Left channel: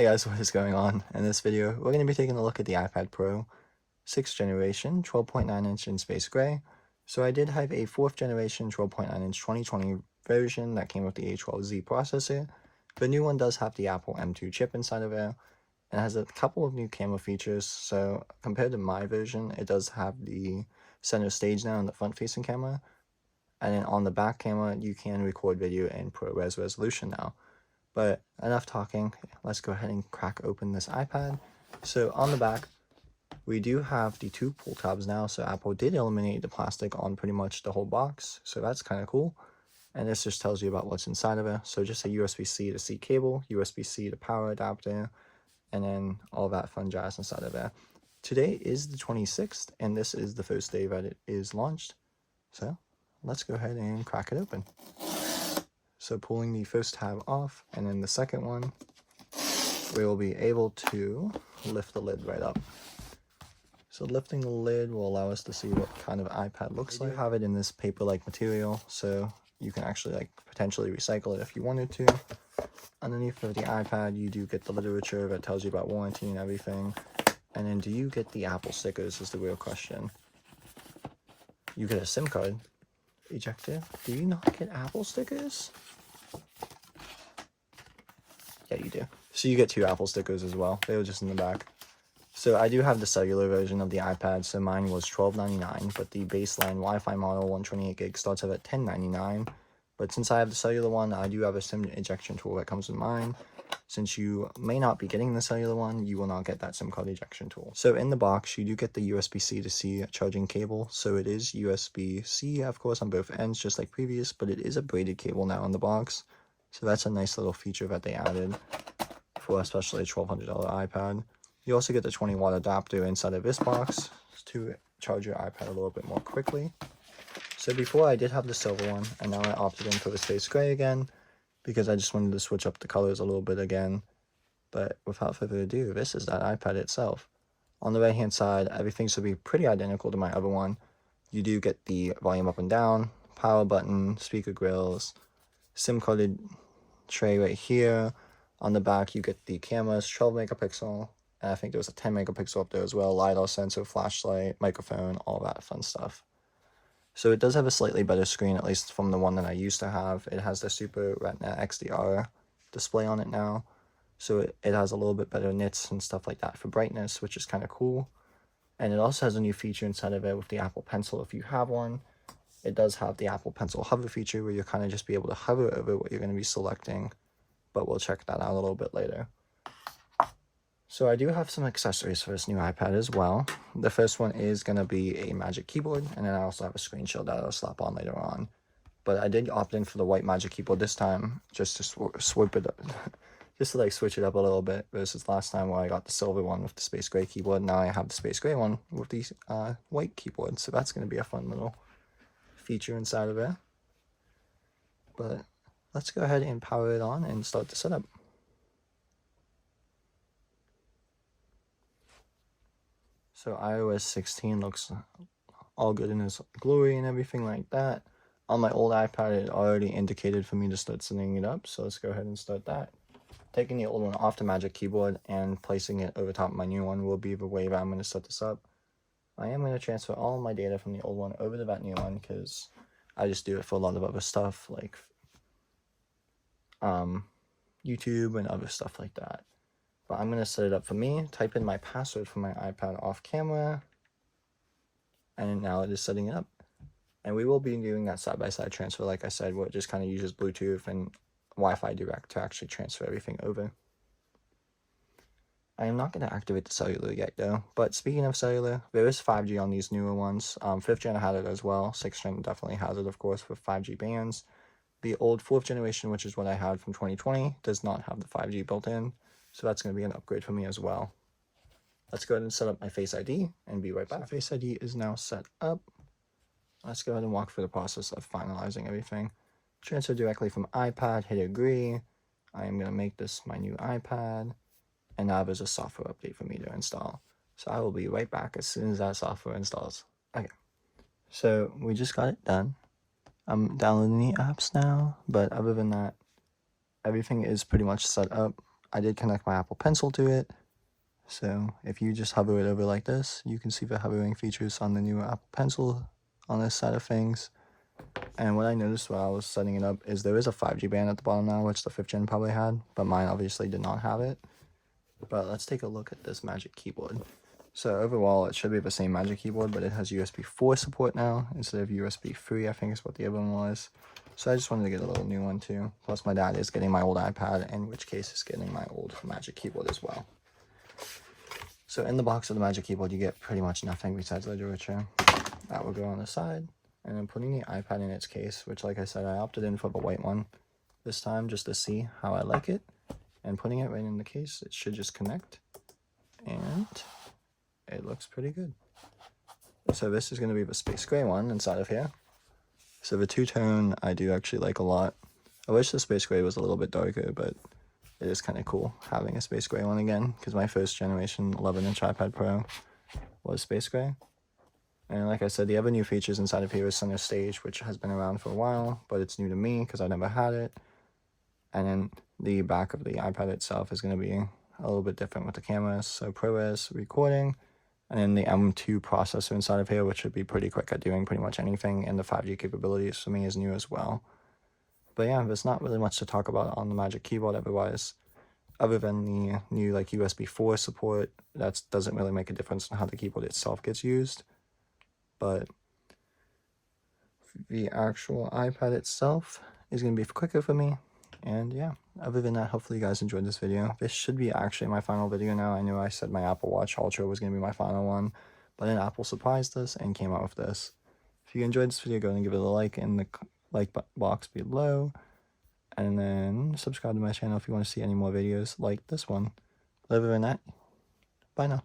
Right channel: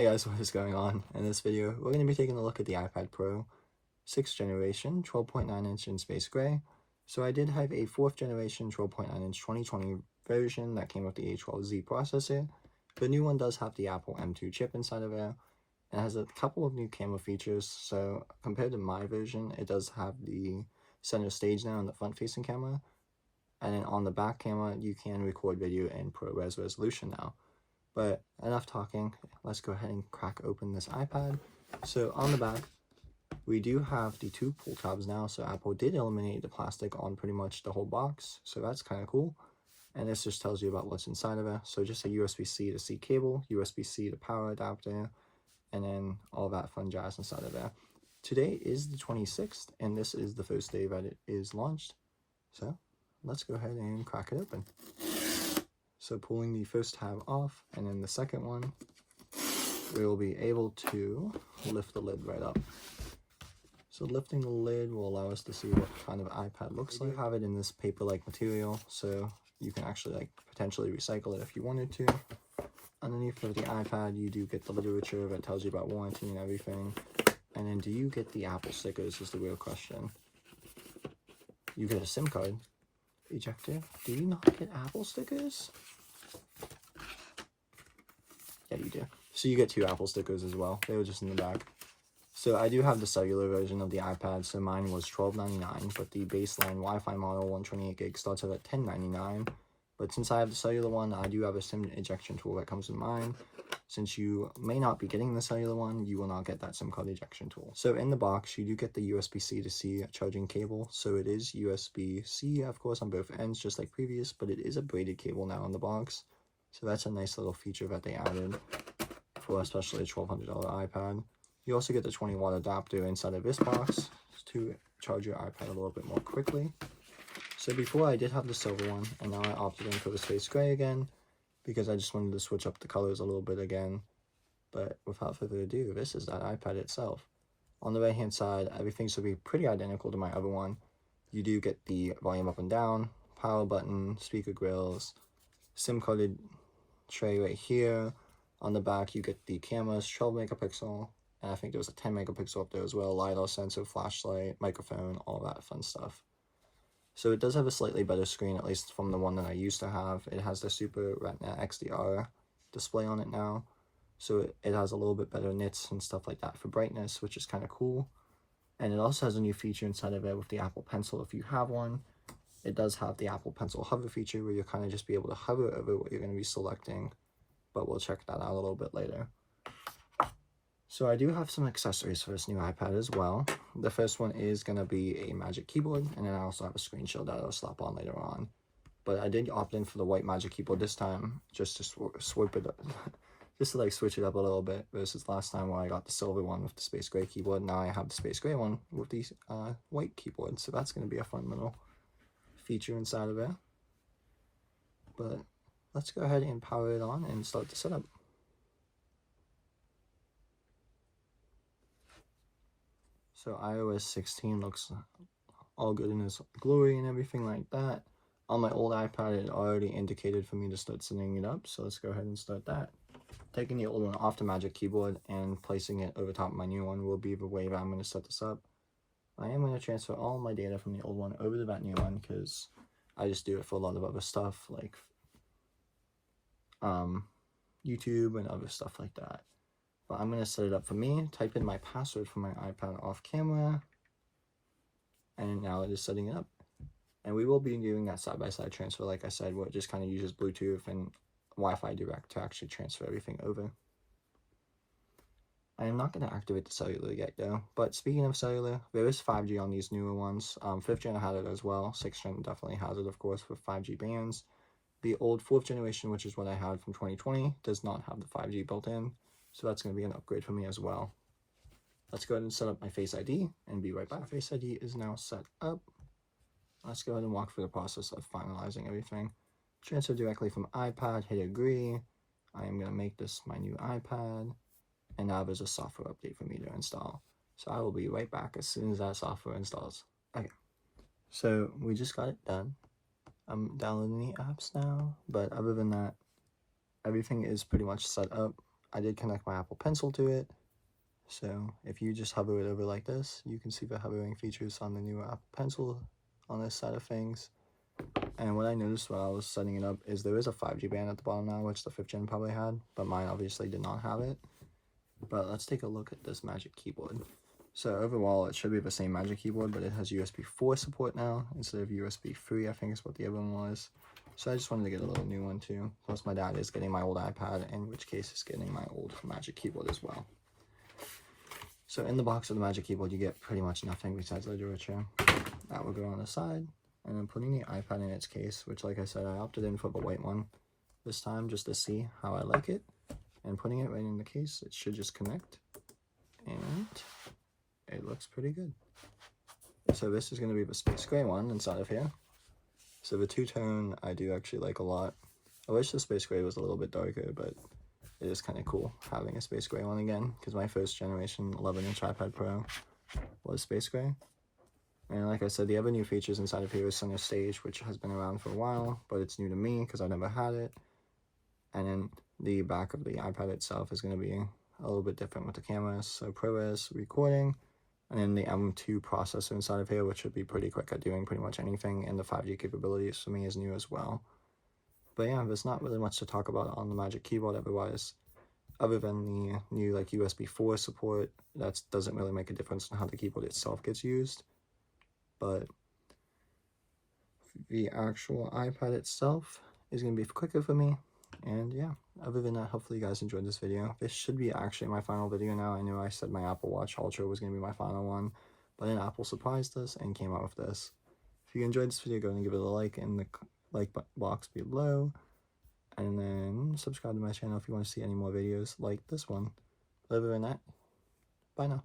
Hey guys, what is going on? In this video, we're going to be taking a look at the iPad Pro 6th generation 12.9 inch in space gray. So I did have a 4th generation 12.9 inch 2020 version that came with the A12Z processor. The new one does have the Apple M2 chip inside of it and has a couple of new camera features. So compared to my version, it does have the center stage now and the front facing camera. And then on the back camera, you can record video in ProRes resolution now. But enough talking, let's go ahead and crack open this iPad. So on the back, we do have the two pull tabs now, so Apple did eliminate the plastic on pretty much the whole box, so that's kind of cool. And this just tells you about what's inside of it. So just a USB-C to C cable, USB-C to power adapter, and then all that fun jazz inside of it. Today is the 26th, and this is the first day that it is launched. So let's go ahead and crack it open. So pulling the first tab off, and then the second one, we will be able to lift the lid right up. So lifting the lid will allow us to see what kind of iPad looks like. I have it in this paper-like material, so you can actually potentially recycle it if you wanted to. Underneath of the iPad, you do get the literature that tells you about warranty and everything. And then do you get the Apple stickers is the real question. You get a SIM card ejector. Do you not get Apple stickers? Yeah, you do. So you get two Apple stickers as well. They were just in the back. So I do have the cellular version of the iPad. So mine was $12.99, but the baseline Wi-Fi model 128 gig starts out at $10.99. But since I have the cellular one, I do have a SIM ejection tool that comes with mine. Since you may not be getting the cellular one, you will not get that SIM card ejection tool. So in the box, you do get the USB-C to C charging cable. So it is USB-C, of course, on both ends, just like previous, but it is a braided cable now in the box. So that's a nice little feature that they added for especially a $1,200 iPad. You also get the 20-watt adapter inside of this box to charge your iPad a little bit more quickly. So before I did have the silver one, and now I opted in for the space gray again, because I just wanted to switch up the colors a little bit again. But without further ado, this is that iPad itself. On the right hand side, everything should be pretty identical to my other one. You do get the volume up and down, power button, speaker grills, SIM carded tray right here. On the back, you get the cameras, 12 megapixel, and I think there was a 10 megapixel up there as well, LiDAR sensor, flashlight, microphone, all that fun stuff. So it does have a slightly better screen, at least from the one that I used to have. It has the Super Retina XDR display on it now. So it has a little bit better nits and stuff like that for brightness, which is kind of cool. And it also has a new feature inside of it with the Apple Pencil if you have one. It does have the Apple Pencil hover feature where you'll kind of just be able to hover over what you're going to be selecting. But we'll check that out a little bit later. So I do have some accessories for this new iPad as well. The first one is going to be a Magic Keyboard, and then I also have a screen shield that I'll slap on later on. But I did opt in for the white Magic Keyboard this time, just to swoop it up, just to switch it up a little bit, versus last time where I got the silver one with the space gray keyboard. Now I have the space gray one with the white keyboard, so that's going to be a fun little feature inside of it. But let's go ahead and power it on and start the setup. So iOS 16 looks all good in its glory and everything like that. On my old iPad, it already indicated for me to start setting it up, so let's go ahead and start that. Taking the old one off the Magic Keyboard and placing it over top of my new one will be the way that I'm going to set this up. I am going to transfer all of my data from the old one over to that new one because I just do it for a lot of other stuff like YouTube and other stuff like that. But I'm going to set it up for me, type in my password for my iPad off camera, and now it is setting it up. And we will be doing that side-by-side transfer, like I said, where it just kind of uses Bluetooth and Wi-Fi Direct to actually transfer everything over. I am not going to activate the cellular yet though, but speaking of cellular, there is 5G on these newer ones. 5th gen had it as well, 6th gen definitely has it of course with 5G bands. The old 4th generation, which is what I had from 2020, does not have the 5G built in. So that's going to be an upgrade for me as well. Let's go ahead and set up my Face ID and be right back. So Face ID is now set up. Let's go ahead and walk through the process of finalizing everything. Transfer directly from iPad, hit agree. I am going to make this my new iPad. And now there's a software update for me to install. So I will be right back as soon as that software installs. Okay. So we just got it done. I'm downloading the apps now, but other than that, everything is pretty much set up. I did connect my Apple Pencil to it. So if you just hover it over like this, you can see the hovering features on the new Apple Pencil on this side of things. And what I noticed while I was setting it up is there is a 5G band at the bottom now, which the 5th gen probably had, but mine obviously did not have it. But let's take a look at this Magic Keyboard. So overall, it should be the same Magic Keyboard, but it has USB 4 support now instead of USB 3, I think is what the other one was. So I just wanted to get a little new one too. Plus my dad is getting my old iPad, in which case is getting my old Magic Keyboard as well. So in the box of the Magic Keyboard, you get pretty much nothing besides the literature. That will go on the side. And then putting the iPad in its case, which like I said, I opted in for the white one this time just to see how I like it. And putting it right in the case, it should just connect. And it looks pretty good. So this is going to be the space gray one inside of here. So the two-tone I do actually like a lot. I wish the space gray was a little bit darker, but it is kind of cool having a space gray one again, because my first generation 11-inch iPad Pro was space gray. And like I said, the other new features inside of here is Center Stage, which has been around for a while, but it's new to me because I never had it. And then the back of the iPad itself is going to be a little bit different with the cameras. So ProRes recording, and then the M2 processor inside of here, which should be pretty quick at doing pretty much anything, and the 5G capabilities for me is new as well. But yeah, there's not really much to talk about on the Magic Keyboard otherwise, other than the new like USB 4 support. That doesn't really make a difference in how the keyboard itself gets used. But the actual iPad itself is going to be quicker for me. And yeah, other than that, hopefully you guys enjoyed this video. This should be actually my final video now. I know I said my Apple Watch Ultra was going to be my final one, but then Apple surprised us and came out with this. If you enjoyed this video, go and give it a like in the like box below. And then subscribe to my channel if you want to see any more videos like this one. But other than that, bye now.